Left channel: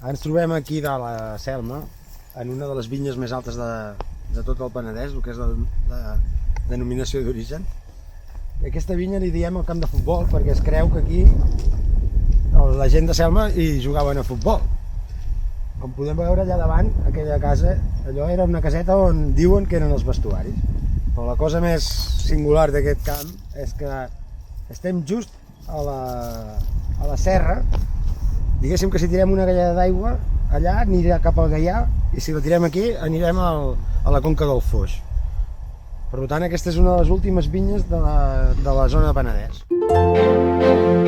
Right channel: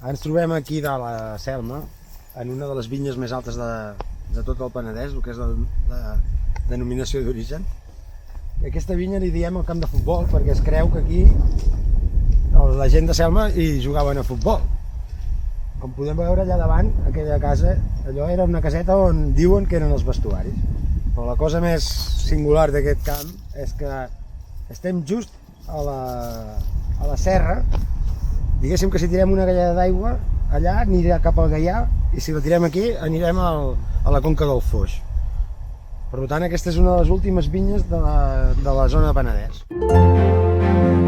Ara ens trobem aquí de la Selma, en una de les vinyes més altes de tot el Penedès, el que és la denominació d'origen. I aquesta vinya li diem el camp de futbol perquè es creu que aquí la gent de Selma hi jugaven a futbol. Com podem veure allà davant, aquella casa, allò era una caseta on diuen que eren els vestuaris. Però la cosa més singular d'aquest camp és que estem just a la serra. Diguéssim que si tirem una galleda d'aigua, allà anirà cap al Gaià, i si la tirem aquí anirem a la conca del Foix. Per tant, aquesta és una de les últimes vinyes de la zona de Penedès.